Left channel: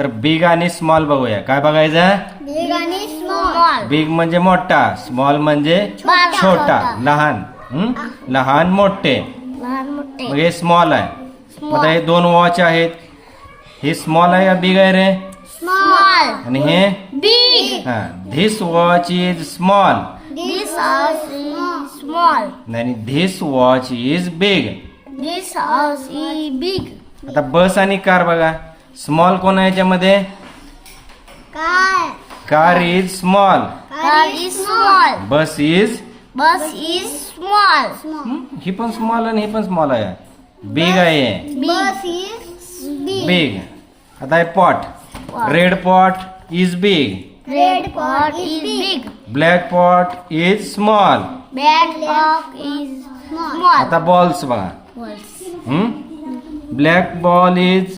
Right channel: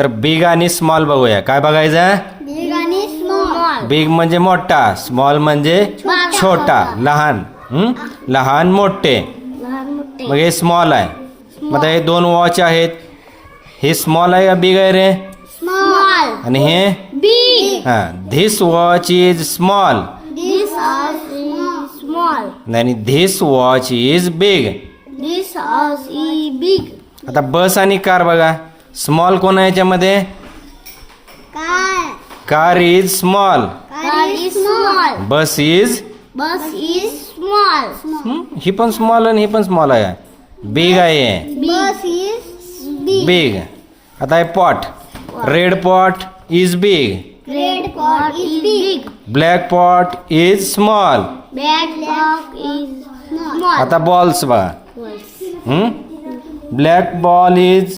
तर बिग आणि स्मॉल बघूया. काय बघायचं? बिग आणि स्मॉल. बिग म्हणजे मोठा, स्मॉल म्हणजे छोटा, लहान. लहान मोठे. मग हे स्मॉल आहे. मग आता हे दोन वॉच आहेत. हे स्मॉल आहे का बिग आहे रे? स्मॉल. आणि हे बिग. हा, this watch is small. This is small. आणि this watch is big. This is big. आता बस आणि कार बघा. स्मॉल कोण आहे याच्यामध्ये? Car is small. Car is small. Bus is bus is small. ही पण स्मॉल आणि ही पण स्मॉल आहे. बिग आहे. Bus is big. आता हे pot. Red pot is big. Red pot is big. Black pot is small. Black pot is small. आता बॉल्स बघा. Black ball is